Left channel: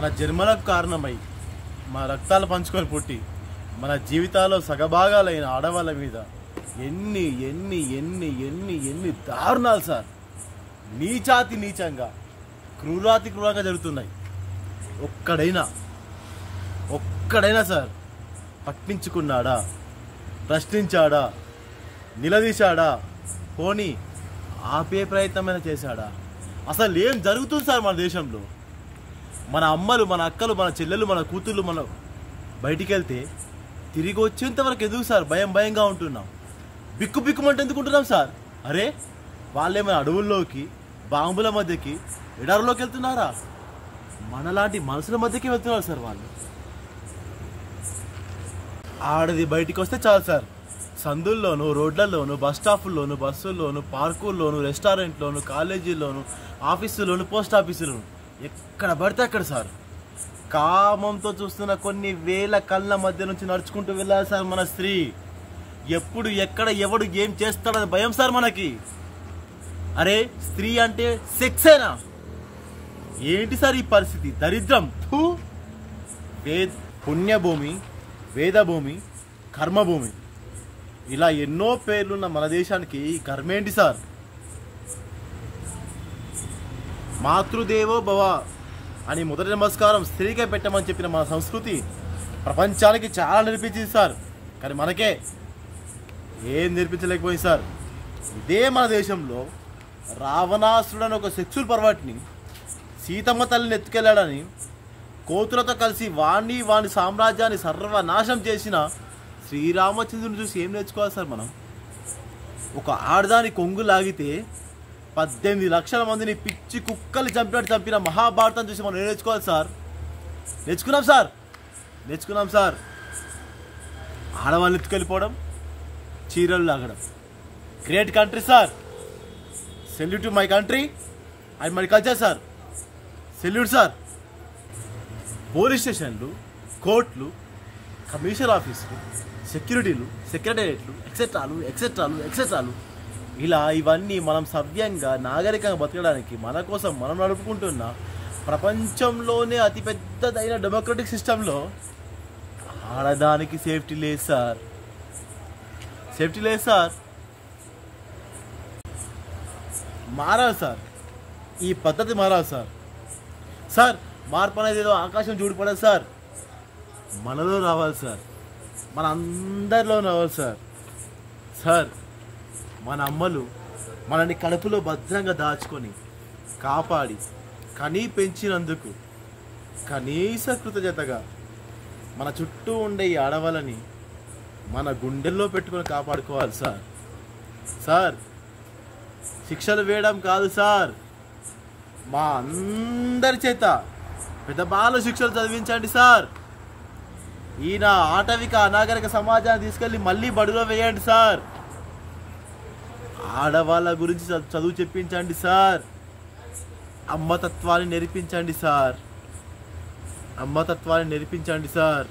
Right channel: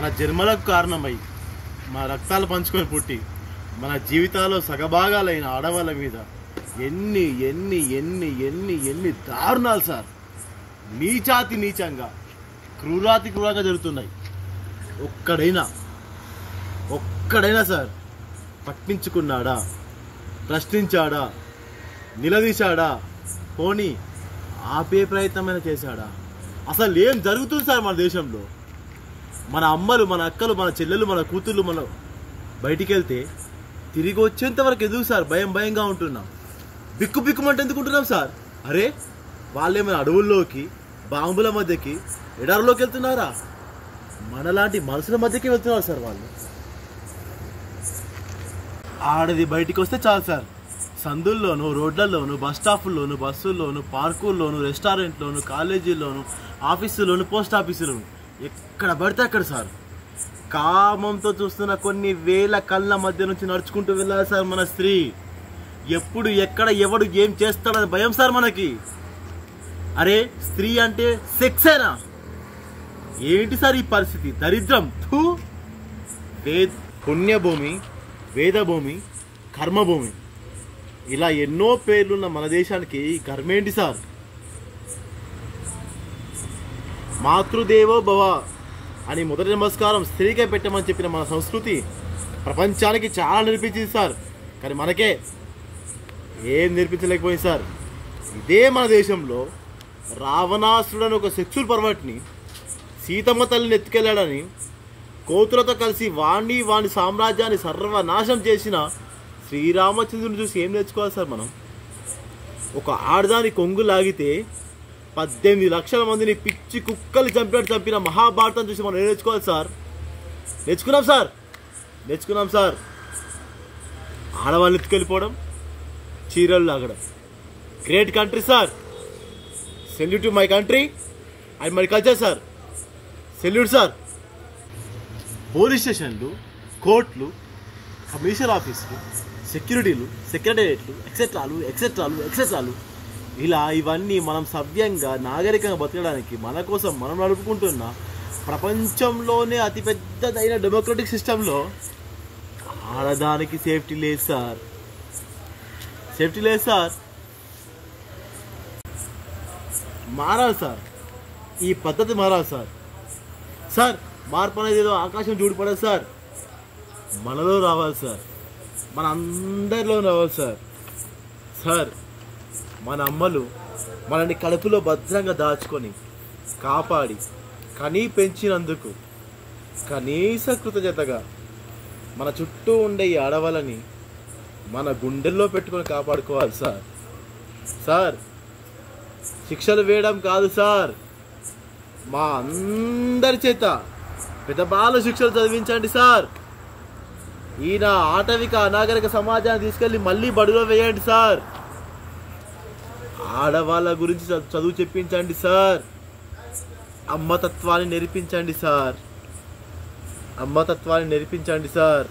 మన జన్మలకు కారణమై మా రక్తాలు పంచుకొని పుట్టి మన జీవితాల్లో సగభాగాలైన ఆడవాళ్ళ మీద ఎన్ని ఎన్ని ఎన్ని ఎన్ని ఎన్ని దారుణాలు సార్, నీచాతి నీచంగా క్రూరాతి క్రూరంగా జరుగుతున్నాయి. ఒక్కడైనా సార్ పట్టించుకున్నాడా, ప్రశ్నించాడా, నిలదీశాడా, పోనీ ఆపే ప్రయత్నమైనా చేశాడా? అసలు ఏం జరుగుతుంది సార్ మన దేశంలో? మన అమ్మలు, మన అక్కలు, మన చెల్లెలు, మన కూతుళ్ళు మన బయటికి వెళ్తే తిరిగి వచ్చేంత వరకు ఎదుగు సార్ భయంగా ఉంటున్నాం. బిక్కుమంటే ఎందుకుంటున్నాం సార్? అరే వాళ్ళేమైనా అడవుల్లోకి, బాంబుల మధ్యకి, ఎడారులోకి వెళ్తున్నారా? మనలాంటి మనుషుల మధ్యకి వెళ్తున్నారు సార్ వాళ్ళు. ఆడది బయటికి వస్తే చాలు సార్, సందుల్లోను, రోడ్లలోను, బస్ స్టాపుల్లోను, బస్సుల్లోను, పార్కుల్లోను, రెస్టారెంట్లోను, కాలేజీల్లోను, ఆఫీసుల్లోను, పోస్ట్ ఆఫీసులోను, ఎక్కడ పడితే అక్కడ సార్ కామంతో చూస్తున్న కొన్ని వేల కళ్ళ మధ్య నుంచి నడుచుకుంటూ వెళ్ళాలి సార్ మన స్త్రీ. ఎప్పుడు ఎక్కడ ఎవడు ఏం చేస్తాడని భయం సార్ మనకి. అరే స్త్రీ అంటే సెక్సేనా? ఏంటి సార్ ఈ పరిస్థితి? దరిద్రం. పుణ్యభూమి, వేదభూమి, కర్మభూమి, ఇలా ఎన్నో పేర్లున్న మన దేశానికి ఈ కర్మేంటి సార్? మాతృదేవో భవ అని మొదటి నమస్కారం స్త్రీకే పెట్టమని చెప్పిన మన సంస్కృతి ప్రపంచానికి చాలా నేర్పించింది సార్. కానీ మనకే ఏం నేర్పించలేకపోయింది సార్. ఇదే మన దేశంలో రావణాసురుడని ఒక సెక్సువల్ పర్వర్ట్ని సీతమ్మ తల్లిని ఎత్తుకెళ్ళాడని కోతులతో కలిసి వాణి సామ్రాజ్యాన్ని సర్వనాశనం చేసిన శ్రీరామచంద్రుని చూసి ఏం నేర్చుకోవాలి సార్ మనం? ఒక ఆడదాని కొంగు లాగితే 18 లక్షల మందిని పిచ్చి కుక్కలు చంపిన మహాభారతం చూసి మనం ఏం నేర్చుకోవాలి సార్? నేర్చుకున్నాం సార్. ఆడవాళ్ళని ఎత్తుకెళ్ళిపోవడం, చీరలు లాగడం. Great country sir. Salute to my country and my culture sir. Salute sir. Police స్టేషన్లు, కోర్టులు, కమిషనర్ ఆఫీసులు, సెక్యూరిటీలు, సెక్రటేరియట్లు, ఎక్సెట్రాలు ఇలా ఇవన్నీ మనం సవ్యంగా నాగరికంగా బతకడానికి మన కోసం మనం నడుపుకుంటున్న ప్రపంచంలోనే అతిపెద్దదైన డెమోక్రటిక్ సిస్టంలో ఆడదానికి సేఫ్టీ లేదు సార్. మారాలి సార్. ఈ పద్ధతి మారాలి సార్. మార్పు అనేది ఏదో ఆకాశం చూడిపడదు సార్, మనలో రావాలి సార్, మన అందరిలో రావాలి సార్. మన అమ్మలు మనని కడుపులో భద్రంగా దాచుకొని కాపాడి కనీ పెంచినందుకు కనీస కృతజ్ఞతగా మన చుట్టూ ఉండే ఈ ఆడవాళ్ళని మన గుండెల్లో పెట్టుకొని కాపాడుకోవాలి సార్. శిక్షలు వేయడం కాదు సార్, మా అందరి చేత పెద్దబాల శిక్షలు చదివించండి సార్. ఈయన ఆటవిక అనాగరిక సమాజాన్ని తీసుకెళ్ళి మళ్ళీ బడులో వేయండి సార్. ఆడవాళ్ళ గురించి చదువు చెప్పించండి సార్. అమ్మతత్వాన్ని నేర్పించండి సార్.